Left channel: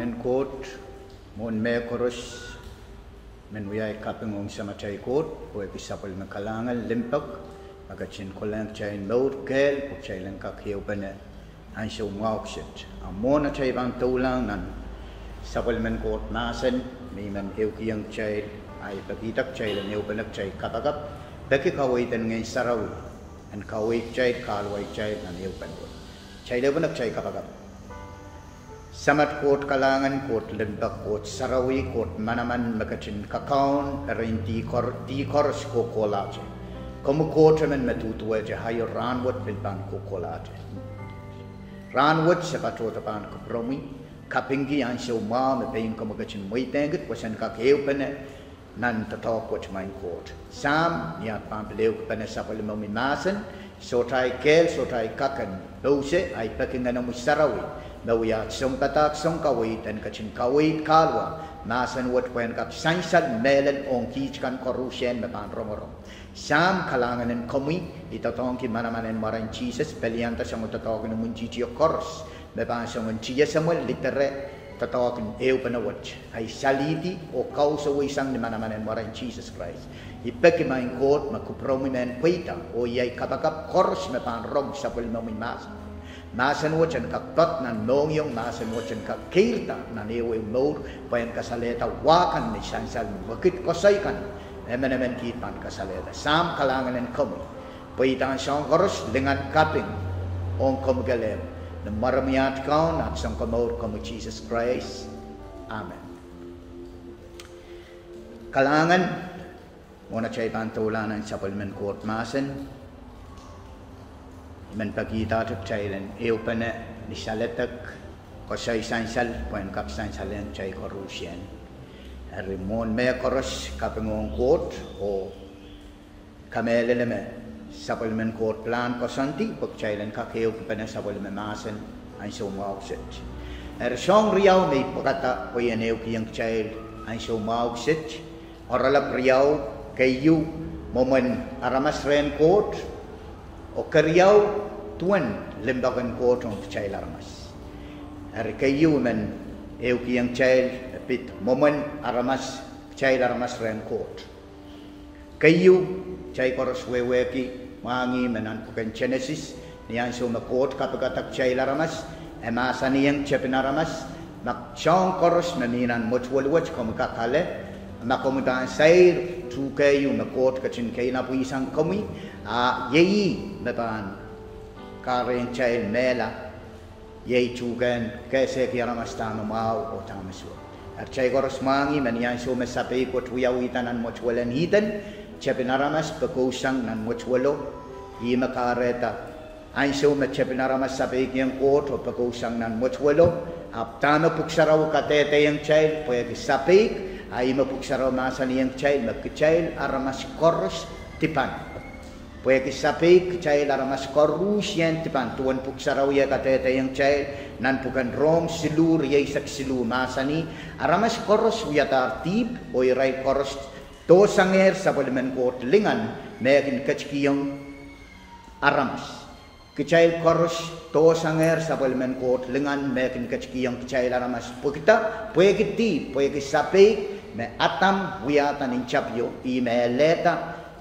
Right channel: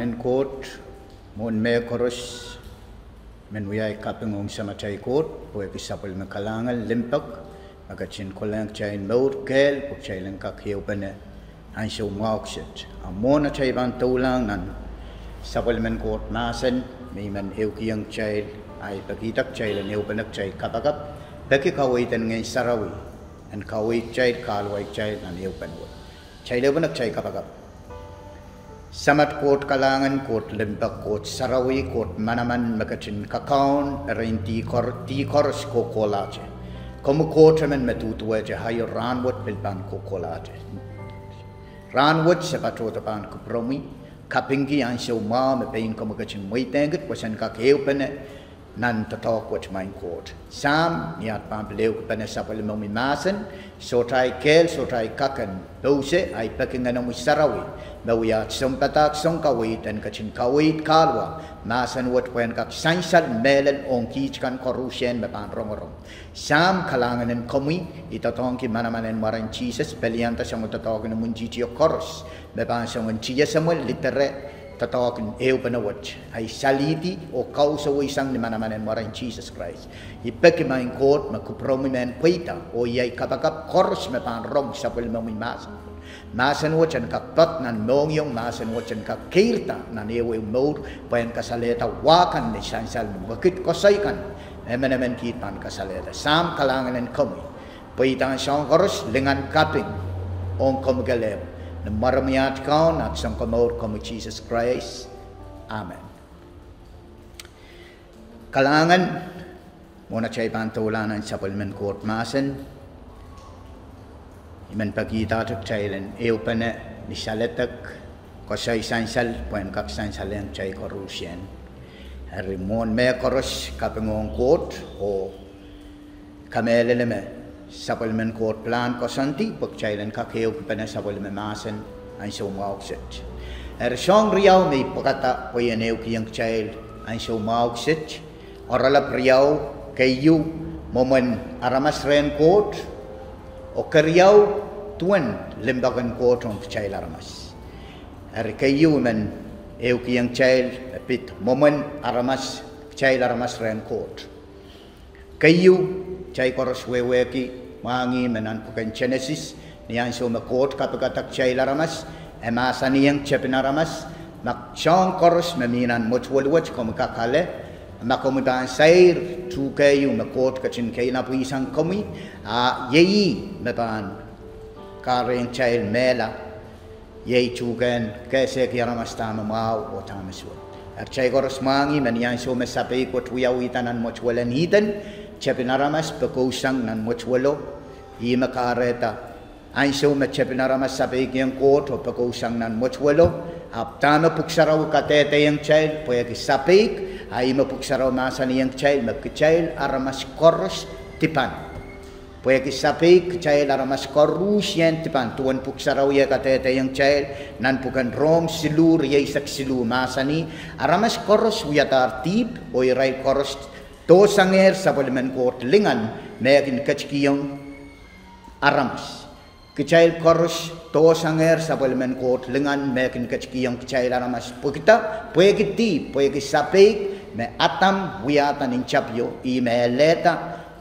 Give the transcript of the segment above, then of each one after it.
Kalanganin Koht, Mour Koros, Menuyai Kaping sama Chai Koht, Poe Kisapel Makalangal, Limpak, Agachin Kolang Chain Mour, Kel, Pokchailan Kakio Bene, Ansho Moukset, a Mona Chai Bantulang, and Sapelman Koht Masen, Miman Hilkiang Chai, I Pakitak Chai and Hilpanak Chai Kapakap, Peki Kawait and Ngay Sarawi, and Kawait Chai, Kalwai Chai, and Hilpanwo. Chai Lebanak Chai Kapakap. Samat Koht Kalangan, Koht Limpak, Koht Sarawi, Koht Manaman, Makachin Kakaon, Rehn Koros Kokolaje. Como Kotaman Metutuaje, Hayo Ranwood Bilban Kokolaje. Ranwood Sepatotapan Kupromi, Kapingi and so ma, Pain Comachin Waitanget, was an Kakeopene, none to talk with my court. Sam, Niat Pampeleu, Penesapalimomi Masen, Sotai Kel, Sotai Kakan, Bose, I pecking an Sarawi. Bawiyat Songkatak Songkawit and Kachin Kawit Kalwa, Masan what when Kak Sansal Melen on Kichkan Korushen Mapan Romorom. Sam Kalangan and Komi, Itatonki Manaman and Maran Jesus, Pelianta Samotatogan Munjiti Koros, Mapan Saman Chia Samuel Litere, Tatokan Eupanawatch, I Saliti or Kausa Wisang the Manaman and Maran Jesus Christ. He Pekima in court, Makupromi and Queta, or Yai Kapakap Koros Mapan Rom Sapelmomi Masan. Masan wajan kapat nan nongyong masan wajan kakirta nan ewe Mour payan kasaleta wakan ni sansal bakit kosaikan emenemen kitan kasaleta sam kalangan en komi paitan sang koros dengan kaping on komgalem na maramiat kaon at sang Mour komi Jesus Christ. Amen. Kalangan muna chay pantulanan sa Palmen Court masan Iman pagkita tuk chailen eupane ni saletak ko say sansal kwen kak sansalen chay korusyen rimon me koros kapingong Koht o kamele me sapalmen Koht plan ko santi pag chailen kak eupane sapalmen masen ang sumaukset song riyaw may pakata ko yan eukiyang chail ang sumaukset oralap riyaw kayu momen aramas Rehn Koht o kariyaw tuan lembagan Koht ang Chai Aramas. Kayu man eukiyang Chai pit momen aramas Chai Aramas Rehn Koht. Kayu Chai Koros weweki mangi manan pukan Genesis niyan so Koht kapagatak Chai Aramas emasa niyang Chepin Aramas mak siyang Koros maminan mochwalwach kumkakale makomudan sair tu kayu Koht kachin kay na puisang komi yeyi mepan karen Chai mela yeyi chugan kaise kiaramas tama mau o tamasu Chai Koros mangi manian so mesape ko tuyawitan nan mochwalan hitan Chepinaramas pekosang nan mochwalo i makareta an so me Chepinaramas sape kiyang Koht o pekosang nan mochwalo aptama puksaraw katete yang Chai poyaki sapik ay mapuksaraw masan yang Chai magkichail aramas koros tipan. Poya kisapik Chai aramas korus yan tipan. Tuan puksaraw ya katete yang Chai nan pukan rom silur yaisak silu masani aramas koros wiyatar tip o iray koros to sanger sa Palmen Court lingan mekin kachkiyong aramas. Kichail koros to sanger sa Palmen Court lingan mekin kachkiyong kichail aramas. Pukita poya kiti poya kisapik me atam wiyatan in chapyo i me leta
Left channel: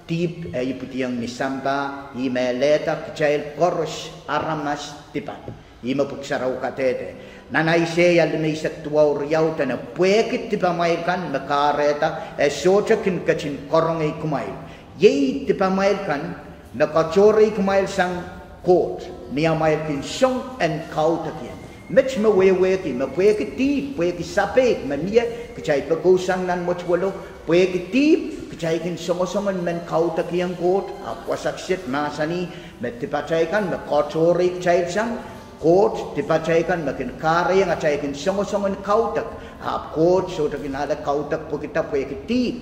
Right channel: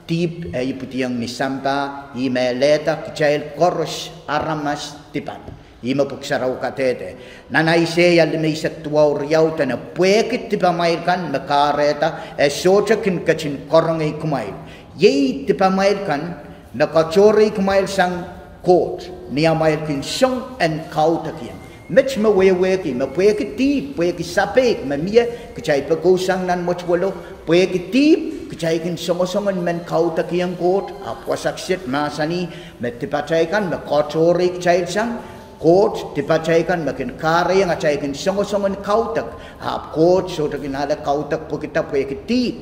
tip e iputiang misampa i me leta kichail koros aramas tipan i mapuksaraw katete nanay seya limaysak tuwaw riyaw ta na pwekit tipamailkan nakareta e socha kin kachin korong ay kumail yay tipamailkan nakachore kumail sang Koht niya mail kin siyong and kautakin Mitch maweweki, mapweki tip, pweki sapek, mania, kacay pagkusang nan mochwalo, pweki tip, kacay kin songosoman men kauta kiyang Koht, apwasaksit masani, met tipachaykan, makochore kacay sang, Koht, tipachaykan, makin kare yang acay kin songosoman kautak, ap Koht, so takinala kautak, pwekita pweki tip.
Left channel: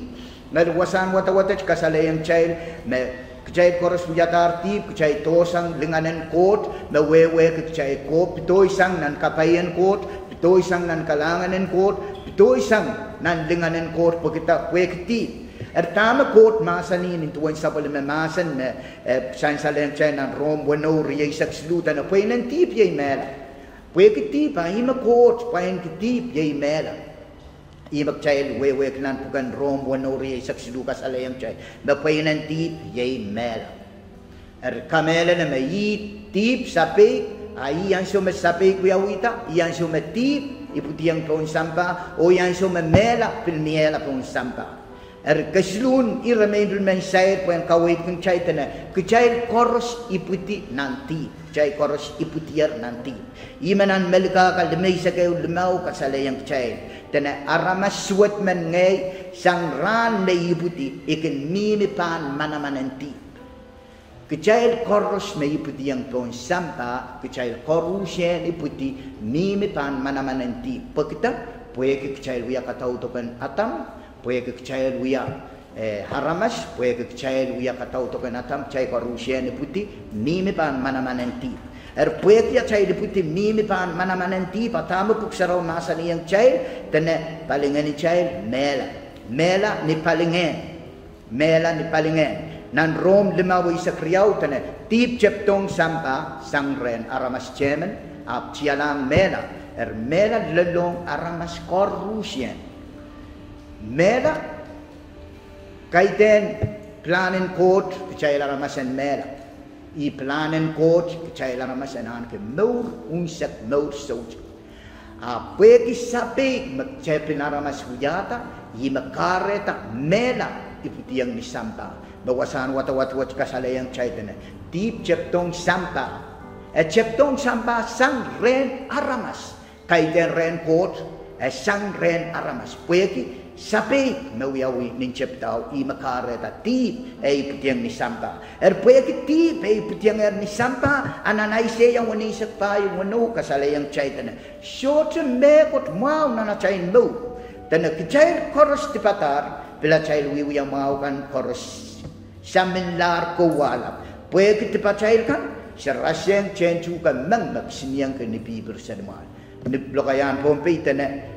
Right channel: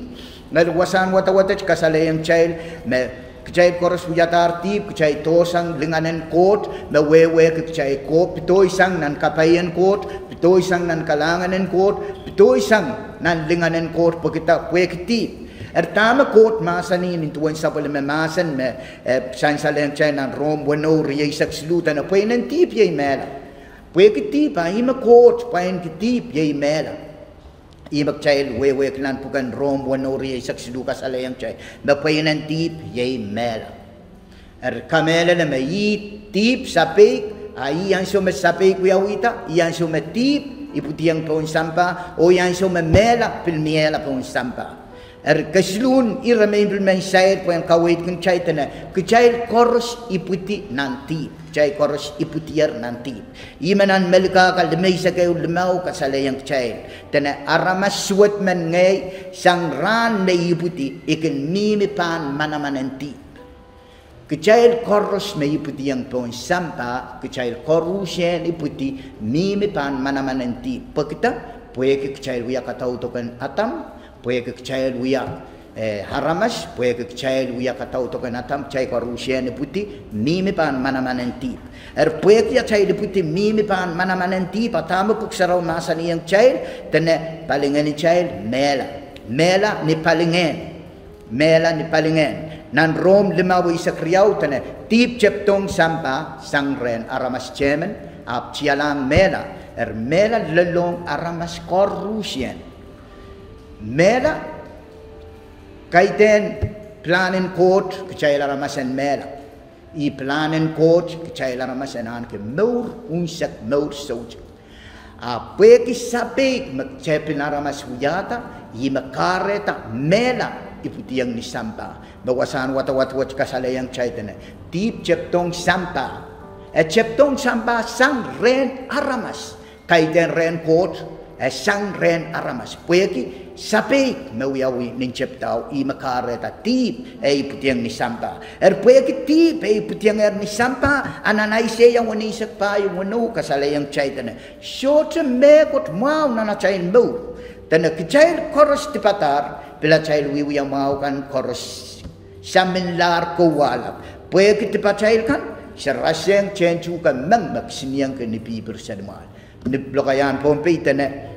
Nalwasan wata-wata kasalayang child, Kacay koros wiyatar tip, kacay tosang linganan Koht, na wewe kacay Koht, pito isang nan kapayan Koht, pito isang nan kalanganan Koht, pito isang nan linganan Koht, pagkita wekitip. Tama Koht masanin intuan sa palimamasan, sansalang chay nan rom, wano, riyay sakslutan, na pway nan tip yay mela. Pue ketip ima Koht pain ketip yai mela. Ima kecil we kenan bukan rom wanori saksidu kasale yang cai. Bapainan tip yai mela. Kamela na mai tip sapik ai yang so sapik wiawita yang so tip iputiang pun sampah o yang so mela pilmiela pun sampah. Keslun iramay bilman sayat po yang kawait kong chay tana. Kecay koros iputi nanti. Kecay koros iputiar nanti. Imanan melika kaldamay sa kayo lumaw kasalayang chay. Tana aramas suwat man ngay sang ran na iputi ikin mimipan manamananti. Kecay koros may iputi yang pong sampa. Kecay korusyan iputi mimipan manamananti. Pagkita, pwede kecay wiya katautokan atam. Puya kecil wiya haramas, puya kecil wiya katau to kenatam cai korusia ni putih mimi pan mana manenti. Puya kecil ni putih mimi pan mana manenti. Pertama puksarau masa ni yang cai, tena palingan ni cai mela ni palingan. Nan rom lima wisa kriau tena tip ceptong sampa sang Rehn aramas cemen ap cialang mela mela lelong aramas korusian. Mela kaiten planen Koht kecil ramasan mela I planen Koht kecil ramasan an ke Mour unsak Mour soj apa ki sapik macapin ramas hujata I makareta mela iputiang ni sampa bawasan wat kasala yang caitana tip ceptong sampa ceptong sampa sang Rehn aramas kaiten Rehn Koht sang Rehn aramas pueki sapi mawiawi nincep tau I makareta tip putiang ni sampa pueki tip putiang ni sampa ananai se yang wani sakpa yung wano kasala yang caitana short mekot mau nana cain lu tana kecair koros tipatar bila cair wiwi yang mau kan koros saminlar ko walap pueki tipacair kan seraseng cencu kan mang siniang ke nipi bersadmal nip lokayan pompi tana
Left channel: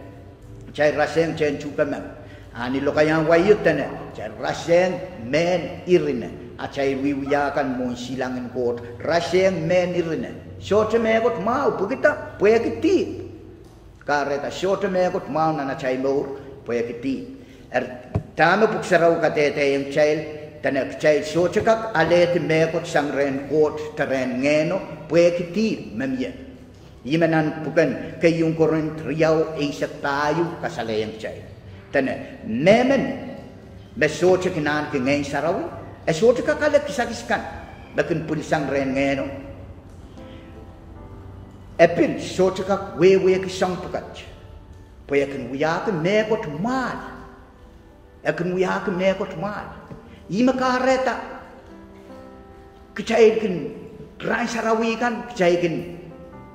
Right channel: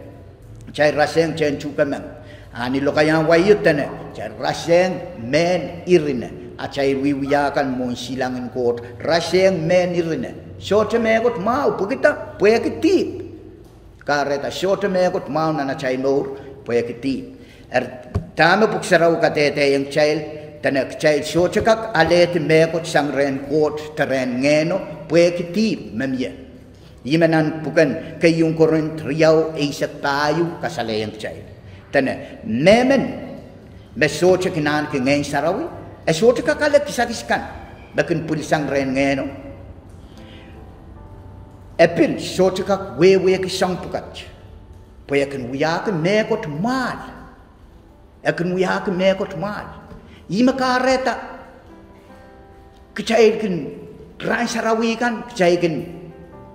cai raseng cencu kamang ani lokayan wayut tana cai raseng men irina acai wiwiakan mon silangan Koht raseng men irina short megot mau pukita puya kitip kareta short megot mau nana cai Mour puya kitip tama puksarau katete yang cai tana cai short kak alet megot sang Rehn Koht teren ngeno puya kitip memye Imanan bukan kayung koron triau isak tayo kasalayang chay. Tana, nemen mesocha kinan ke ngayon sarawi, socha kakalat kisakiskan, bakin pulisang Rehn ngeno. Epil, socha kak wewe kisang pukat. Payakan wiyakan mekot mal. Akan wiyakan mekot mal. Ima kareta, kecaykan rai sarawi kan, kecaykan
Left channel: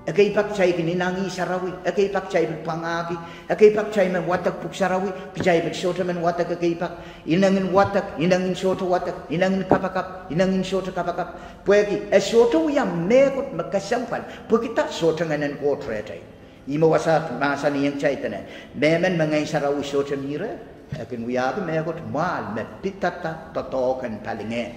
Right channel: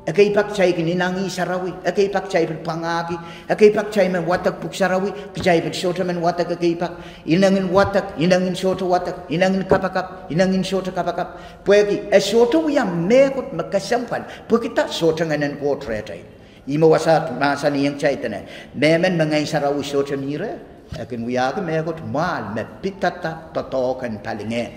Akai pak cai kini nangi sarawi, akai pak cai pangaki, akai pak cai men watak puk sarawi, kecai men shota men watak akai pak, inangin watak, inangin shota watak, inangin kapakap, inangin shota kapakap. Puagi, shota yang mekut makasampan, pukita shota nganen Koht retai. Ima wasat masa ni yang cai tena, memen mengai sarawi shota mira, akin wiyaga mekut mal me pitata totokan palinge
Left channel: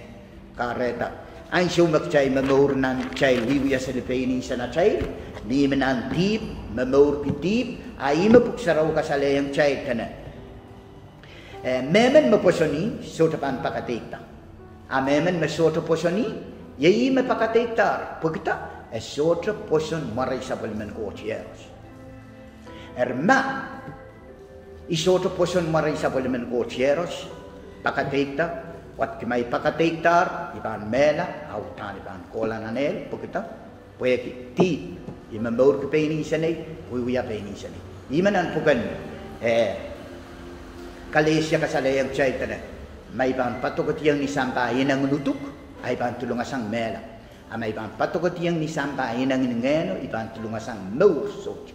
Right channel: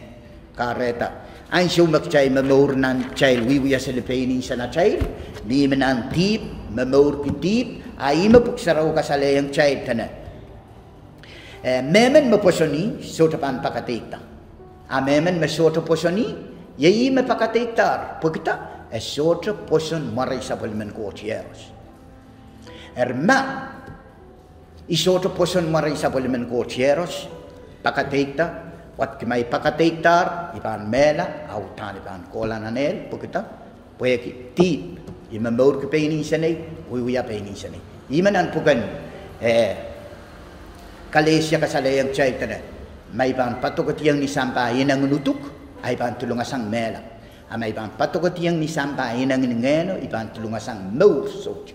kareta. Ansyo magchay Mour nan chay wiwiya sa lipainin sa na chay di menan tip Mour kitip ay mapuksaraw kasalayang chay tana memen maposoni sotapan pakatikta memen masota posoni yayi mapakatiktar pagkita sota poson maray sa palman Koht yes ma isota poson maray sa palman Koht yes pakatikta Wat kimai pakatiktar ipan mela autan ipan kola nanel pukita pueki tip ima Mour kepeini sanai wiya peini sanai imanan pukan kalesia kasalayang chay tana mai pan patokot yang ni sampa inang nutuk ay pan tulungasang mela amai pan patokot yang ni sampa inang ngeno ipan tulungasang Mour sok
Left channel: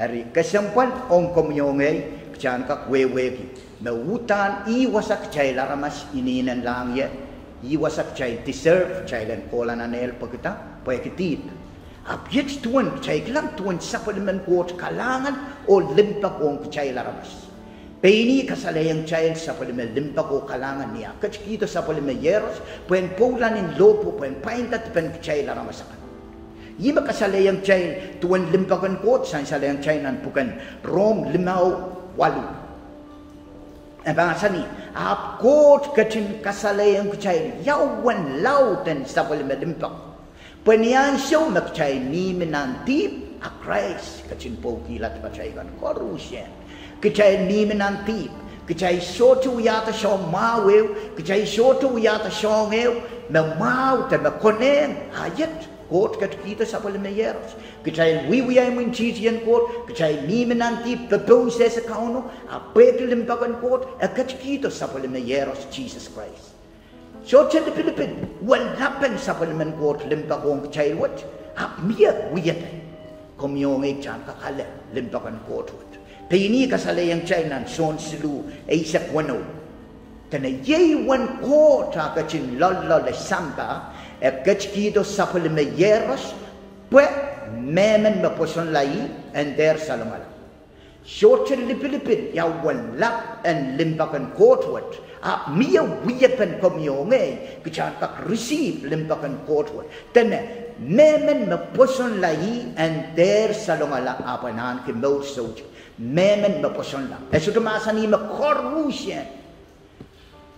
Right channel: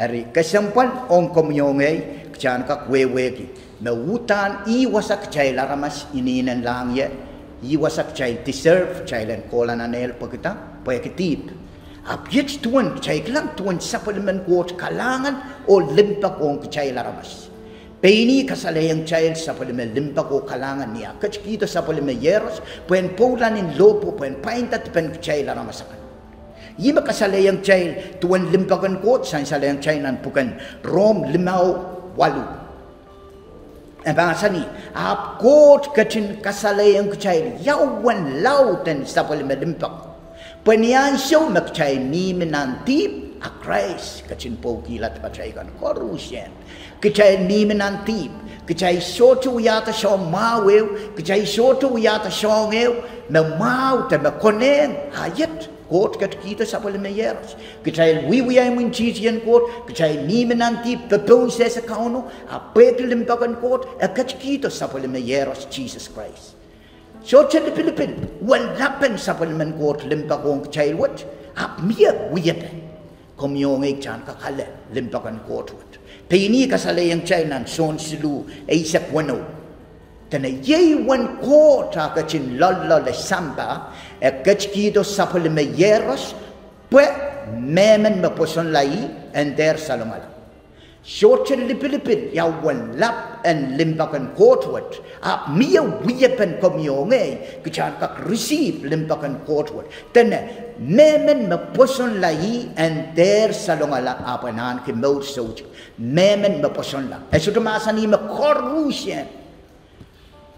ari kasampan ong komyongay kchan kak weweki Mawutan iwasak chay laramas ininan lang ya iwasak chay deserve chay lan kola nanel pagkita pagkitip apyet tuan chay klang tuan sapaliman Koht kalangan o limpak ong chay laramas peini kasalayang chay sapaliman limpak o kalangan niya kachkito sapaliman yeros puen polan in lopo puen paintat pen chay laramas Ima kasalayang child tuan limpakan Koht san salayang child nan bukan Rom 5:8. Bahasa ni ap Koht kecin kasalayang child yawan lauten sapal medimpak. Penian show mak child ni menantip a Christ kecin pokilat pacaikan korusien. Kecai ni menantip kecai sotu yata shong mawel kecai sotu yata shong el na mau te na konen ayat Koht kat kita sapal meyers kecai wiwi ay mun chitian Koht kecai ni menantip the process account a petel limpakan Koht a kat kita sapal meyers Jesus Christ. So chen Pilipin walapan sapal men Koht limpakong kecai wat ap mia wiyat komyong ek chan kakale limpakan Koht. Pini kasalayang China son silu aisak wano. Tana ye wan Koht kachin lalla le samba e kachkido sapal me yeros pwe memen me poson lai and der salamal. Shorten lipilipin ya wan lap and limpakan Koht wat a mia wiyapan komyonge kachan kak receive limpakan Koht wat. Tana memen me poson lai and der salongala apanan ke Mour soj. Memen me poson la. E sudah masa ni me korusien.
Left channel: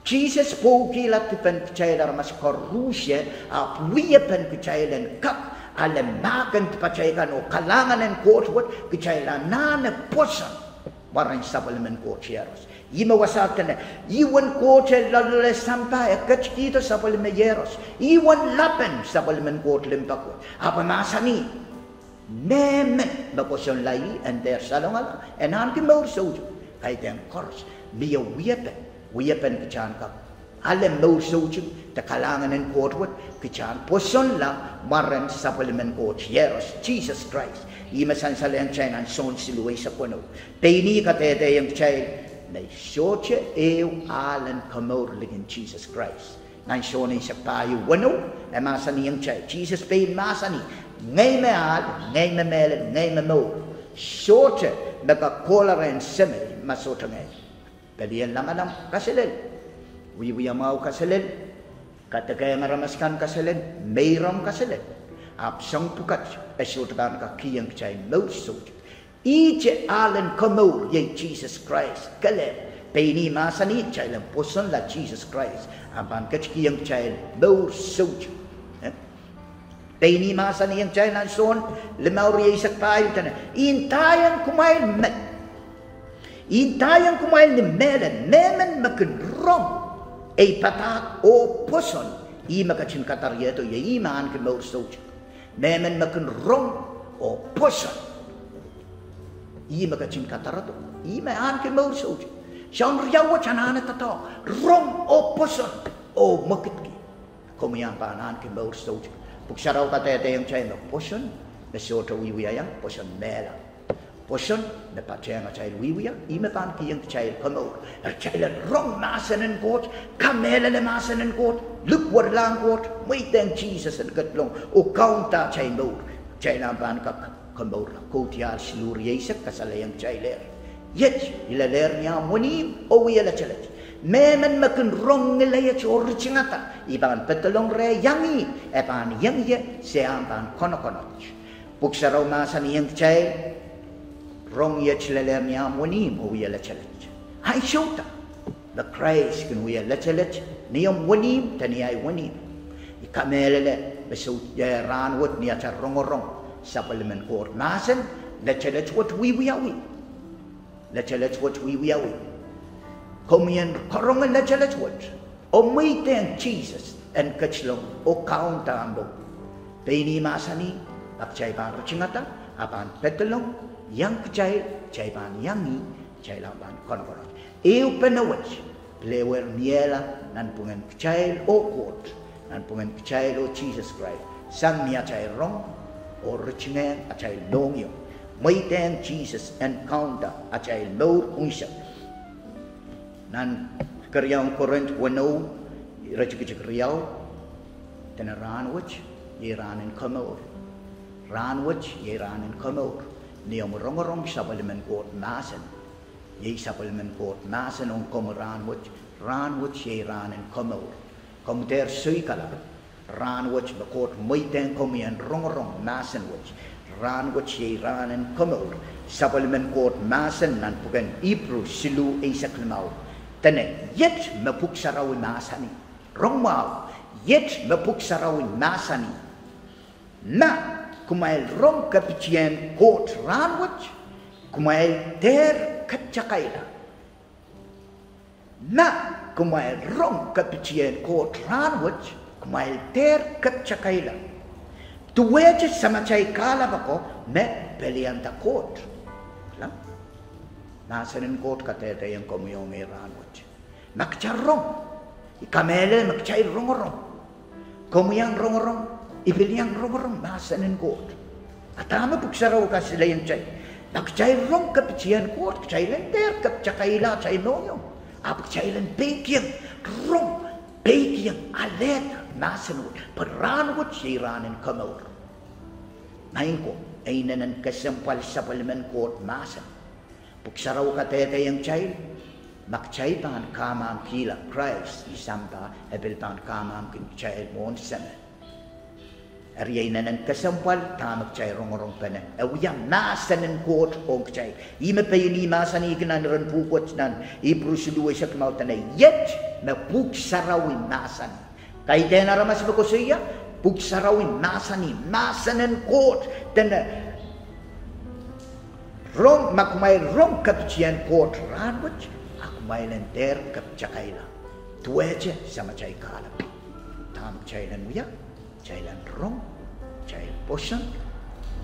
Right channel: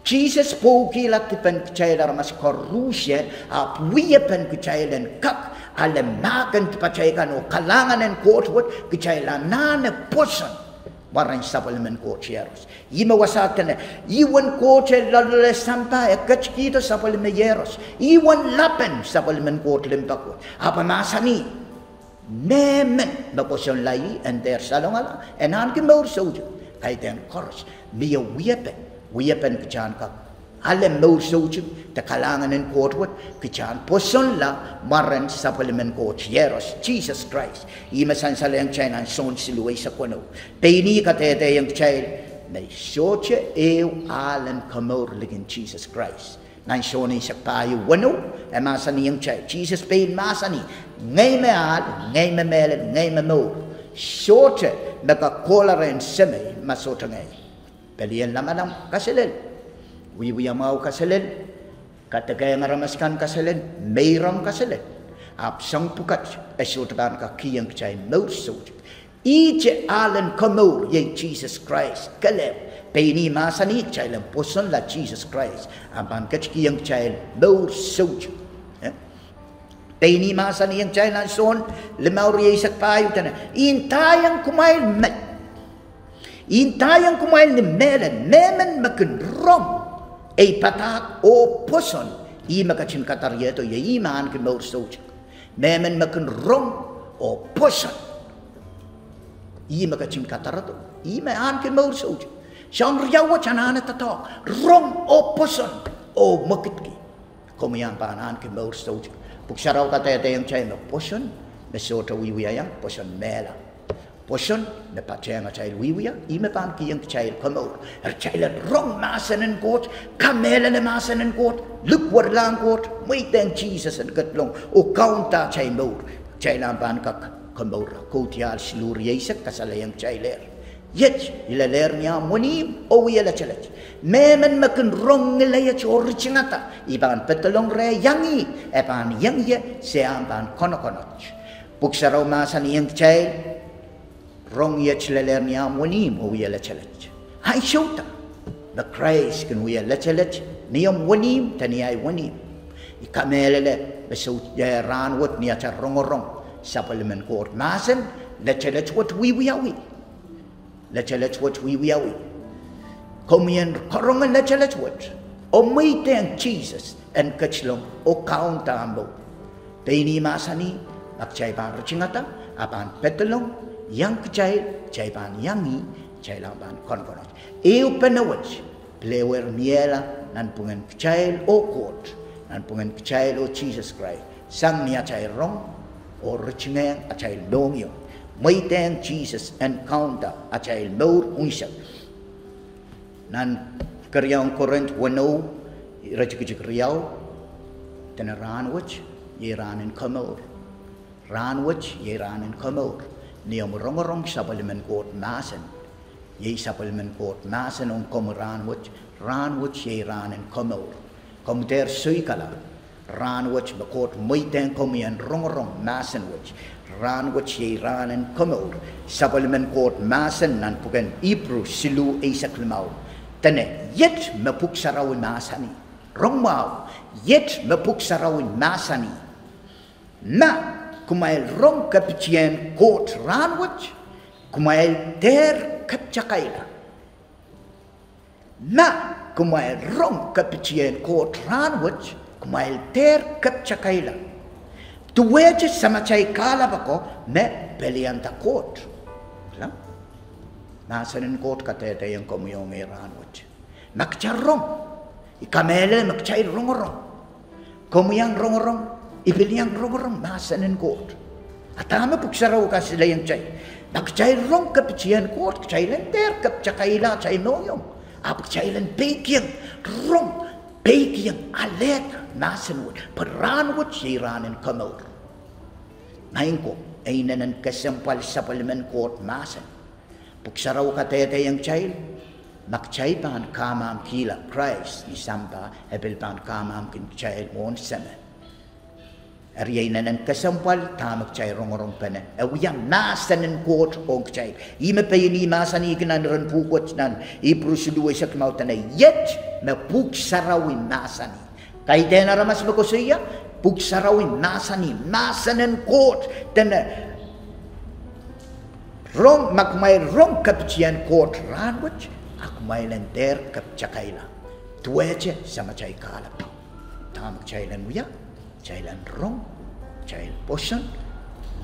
Jesus poki la tupen kecailan mas korusien. Ap wiyapan kecailan kak ala makan kecailan o kalangan en Koht wat kecailan nane poson. Waran sapal men Koht yeros. Ima wasatan iwan Koht lalale sampai kecikita sapal men yeros. Iwan lapen sapal men Koht limpakot. Apa masa ni? Memen baposon lai and der salongal and anke Mour soju kai den koros mia wiyapen kechan ka ale Mour soju te kalangan en Koht wat kechan poson la maran supplement Koht yeros Jesus Christ ima san salayang China son siluay sa kono peini katete yang child na soche alen Mour ligin Jesus Christ nan shoni sa payo wano e masani yang child Jesus pain masani ngay me al, ngay me melet, ngay me mo. Sote maka kolaren seme masota ngay. Pelian lamanam kaselel. Wiwi mau kaselel. Katakay ngaramaskan kaselel. Mayram kaselel. Apsang pukat esotaban ka kiyang chay Mour sote. Iche alen komo ye Jesus Christ. Kale. Peni masani chay lang poson la Jesus Christ. Ampan kiyang chay Mour sote. Peni masa ni yang China son lemau riasak payu tanah. Intayang kumail met. Intayang kumail ni melen memen makin rom. Patak o poson. I makachin katarya to ye iman ke Mour soch. Memen makin rom o poson. I makachin katarato. I man ke Mour soch. Siyang riyawa chanana tato. Rom o poson o makitki. Kumiyang panan ke Mour soch. Puksaraw katete yang China poson mesota wiwiya poson mela poson na patrenga child wiwiya ime pan ki yang child Mour child wrong masanen Koht kamela le masanen Koht lukwar lang Koht muiten Jesus en katlong o kaunta child Mour child pan ka Mour kotial siluriyesak kasalayang child yet ilaler niya munim o wiyala chalet memen makin rong nilaya chori chingata iban petelong re yangi epan yangi seamban konokonoch puksaraw masan yang child rong ya chilaler niya munim o wiyala chalet ay shota the Christ kan wiyala chalet niyam munim taniyay munim ikamelele besut ya ranwot niya cha rongorong sapalimen Koht masan la chalet what wiwiyawi la chalet what wiwiyawi Komien korongan na chalet what o muiten Jesus and kachlong o kauntambo peini masani ak chay pan chingata apan petelong yang kachay chay pan yangi chay laban konkono eu penawach plewer miela nan pungan kachay o Koht nan pungan kachay o Jesus Christ sang niya chay rong o richingang a chay longyo muiten Jesus and kaunta a chay Mour unsa nan karyang Korint wano rachikik riyaw tena ranwach ye ranin Mour ranwach ye ranin Mour niyam rongorong sapalimen Koht masan ye sapalimen Koht masan on kom ranwach ye ranin Mour kom der suikala ran watch the court moiten come and rong masen watch ran watch ye ran and come out supplement court masen nan puken ibru silu isak limau tane yet me puk sarawi masani rong mau yet me puk sarawi masani na kumail rong kapitien court ran watch kumail ter kapchakaila na kumail rong kapitien court ran watch kumail ter kapchakaila tuweje samachay kala bako ne pelianta court la nasanin court katete yang komuyong ran watch makcharong ikamele makchay rong komuyang rong ibiliang rong nasanin court atama puksaraw ka sila yang chay makchay rong kapitien court chay ter kapchakaila chay noyong apchay peking rong peking alet nasenwood peranwood siranin komod naingko ainan kasampal sa parliament court masan puksaraw katete yang child makchay pan kamam kila Christ ni sampa ebel pan kamam kin child mon sama ariyanan kasampal tamak chay rong panen awiyang nasanin court ong chay ime payini masani kinan ran pukot nan iproseduwe sa kmautan yet na puksarawin nasani kay dena ramas bakusiya puksarawin nasanin court tena rong makmay rong kapitian court ranwich akmay lenter kapchakaila tuweche sama chay kalap tamak chay lan wiya Chailan rong, chail posan,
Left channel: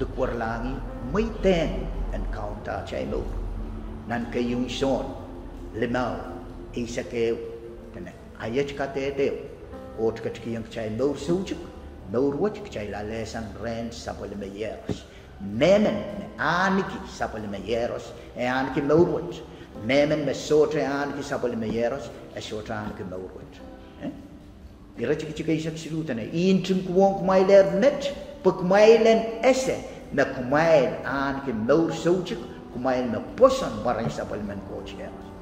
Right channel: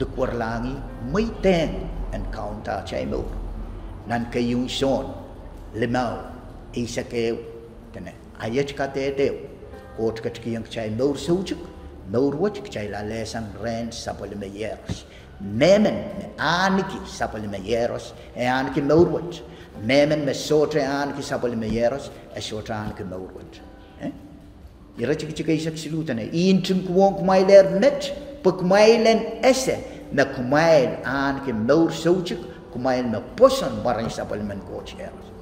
dukwar langi, may ten, and counter chay mo. Nan kayong son, limaw, isa kayo, ayat ka tete, ot ka chikiyang chay mo sujuk, mo ruwach chay lalesan Rehn sa polimayeros. Memen, aniki sa polimayeros, aniki mo ruwach. Memen, sotre aniki sa polimayeros, sotre aniki mo ruwach. Ira chika isak silutan intum kuwong kumailer net pagkumailen ese na kumail an ke Mour sochik kumail me poson maray sa parliament cocheros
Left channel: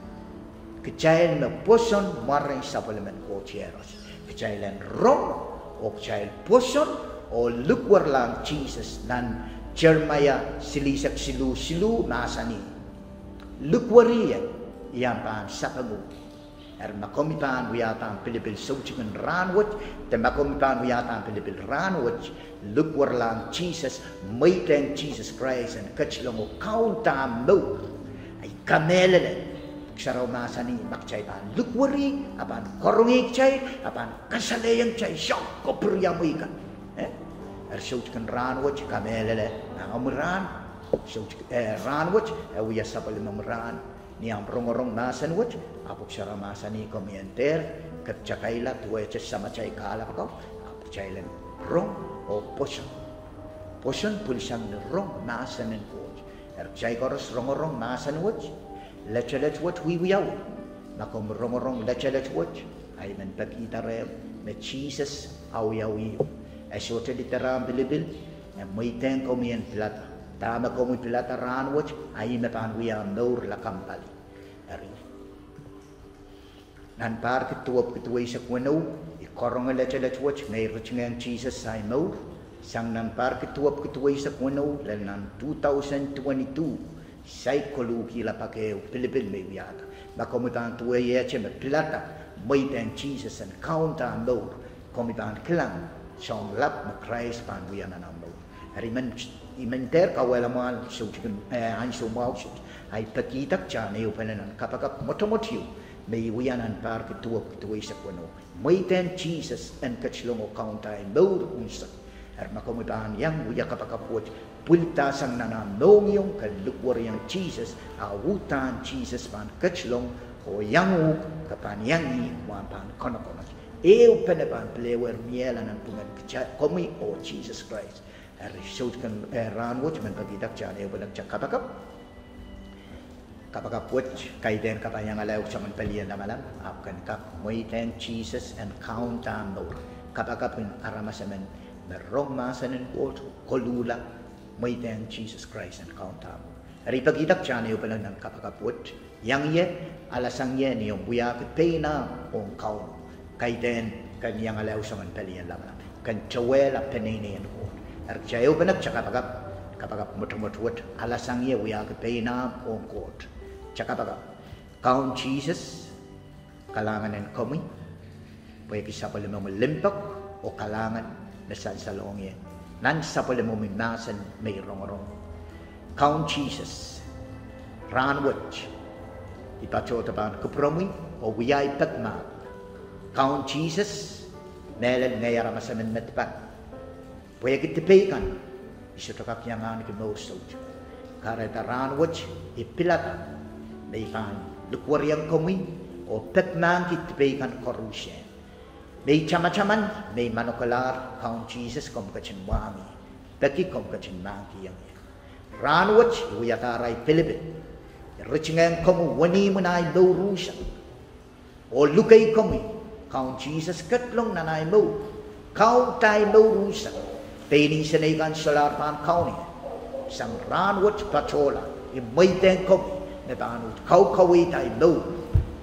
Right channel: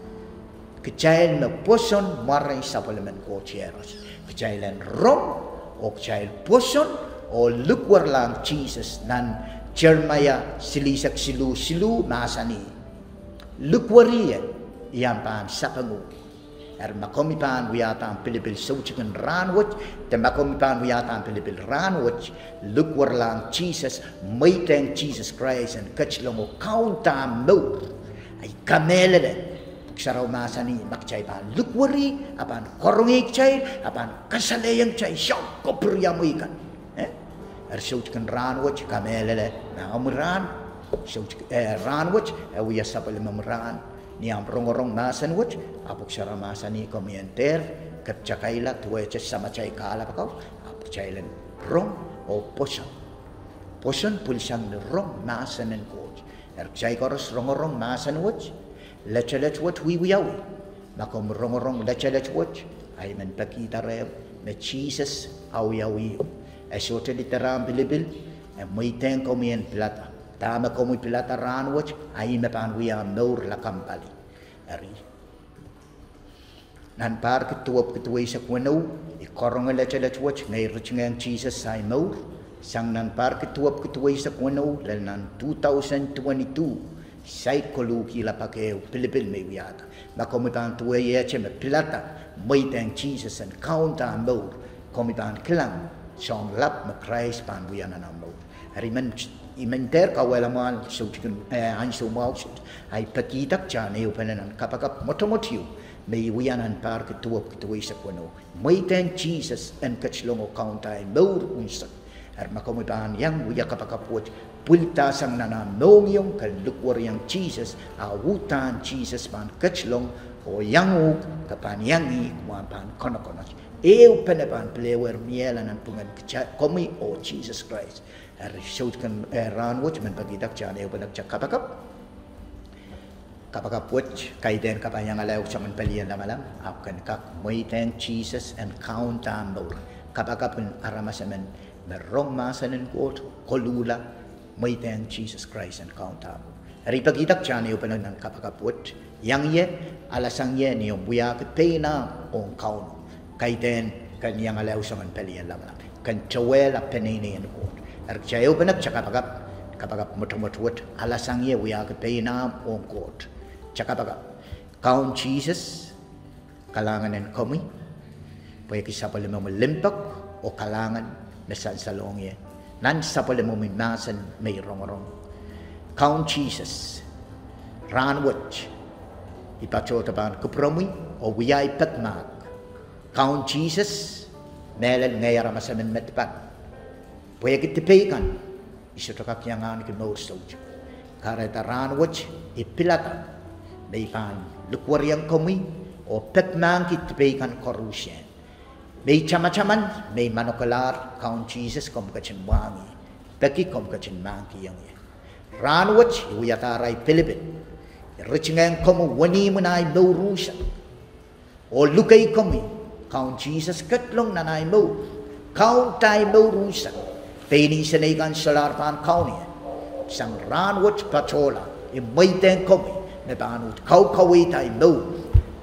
kechail me poson maray sa parliament cocheros kechailen rong o kechail poson o lukwar lang Jesus nan Jeremiah silisak silu masani lukwariya iyang paan sa pangu makomipan wiyatan Pilipil sochikan ranwat te makomipan wiyatan Pilipil ranwat lukwar lang Jesus maiteng Jesus Christ and kachlong o kaunta mo ay kamelele saraw masani makchay pan lukwari apan korongik chay apan kasalayang chay siyak kopruya mo ikan sochikan ranwat kamelele na umran ranwat wiya sapal mamran niang rong nasanwat apok syara masani komienter kecakaila tuweche sama chay kala ko apok chailen rong o poson pulsang rong nasanen coach chay koros rong nasanwat lechelet wat wiyawi makom rong lechelet wat ay man pakita re me Jesus awiyawi ay sote literam bilibil ay moiten komien plata tama komi plata ranwat ay me pangwiyang Mour la kampali ari nan par ketuap sa kwano ikorong lechelet watch ngay richngang Jesus ay Mour sang nan par ketuap sa kwano lan 2022 say koluki la pakeo Pilipil may wiyata makomitang tuwe yeche me plata may tang Jesus and counta Mour komitang kilang siyang lap ma Christ pan wiyanan ang Mour ari man imenter kawalaman so chicken anso mouse ay pakitak chan ay upanan kapakap motomotiu may wiyanan par ketuap sa kuno may ten Jesus and kachlong o kaunta ay Mour unsa ar makomitan yang wiya kapakapot pultasang nananong yung kalukwar yang Jesus awutan Jesus pan kachlong o yangu kapanyangi wapan konokonak penepan plewer mielan ang pungan komi o Jesus Christ shoot kan ranwat man pagitak chan ay upanak kapakap kapakapot kaiden kapanyang alaw sa man palian na malam apkan kak moiten Jesus and count Mour kapakapun aramasaman merong masanin ko kolula moiten Jesus Christ and count ari pagitak chan ay upanak ng kapakapot yang ye alasang ye niyo buyak pena on count kaiden kanyang alaw sa man palian na malam kan cewela penini en Koht jaya benak kapagap mutu alasang ye wiya ke pena on Koht cakapagap kaun Jesus kalangan en komi paya kisapal mo limpak o kalangan na salong ye nan sapal mo mimasan may rong kaun Jesus ranwat ipachota ban kupromi o wiya ipatma kaun Jesus melan ngayara masamen metpak paya kitipekan isutokak yangan ki no soldier kareta ranwat ipilata may kan lukwariang komi o petman kitipekan korusyen may chama-chaman may manokalar kaun Jesus kom kachin wangi peki kom kachin mangki yang ye ranwat uyataray Pilipin richingan komu wani munay Mour o lukay komi kaun Jesus katlong nanay Mour kaun tay Mour peni senegan salarpan kaun ye sang ranwat pachola imayten komi na banut kau tay Mour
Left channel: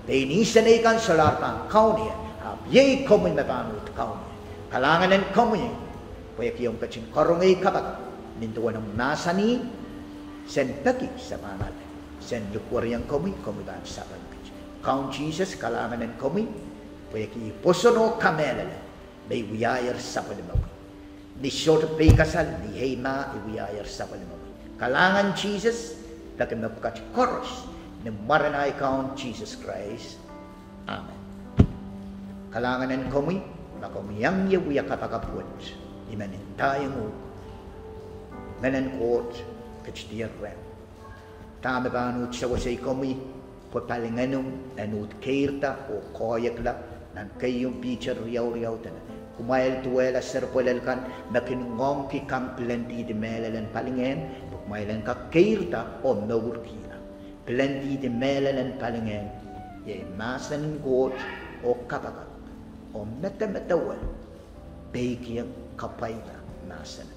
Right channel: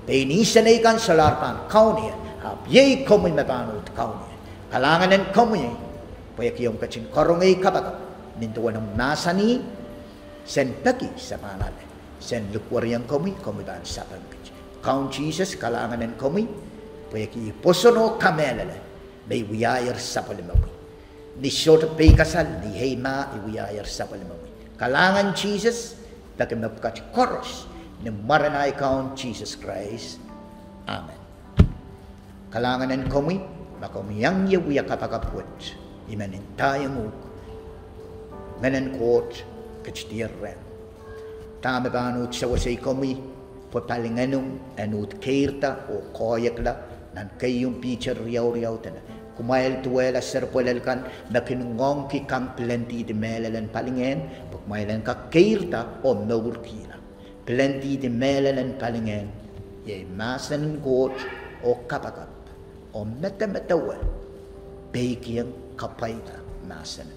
peni senegan salarpan kaun ye ye komi na banut kaun ye kalanganan komi paya kiyong kachin korongay kabak nintuan ng nasani sen peki sa pangalan sen lukwariang komi ban saban kaun Jesus kalanganan komi paya ki posono kamelala may wiyayar sa palimawi ni short pay kasal ni hema iwiyayar sa palimawi kalangan Jesus takamapkat koros ni maranay kaun Jesus Christ amen kalanganan komi makomiyang yawiya kapakaput imanin tayo mo menen Koht kachtir Rehn tama banut sa wasay komi papalinganong anut kairta o koyakla nan kayong picture riyaw tana kumail tuwela serpolelkan na kinungong ki kang plenty de melalan palingen bukmailan ka kairta o Mour kina plenty de melalan palingen ye masan Koht o kapagap o metametawal baikiyang kapayta masan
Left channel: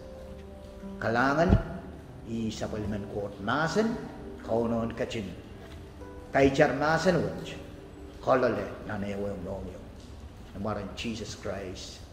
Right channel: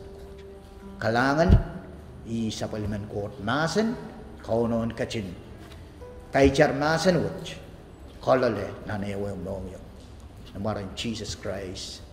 kalangan isa paliman Koht masan kaunon kachin kaichar masan wach kolole nanayaw mong yung namaran Jesus Christ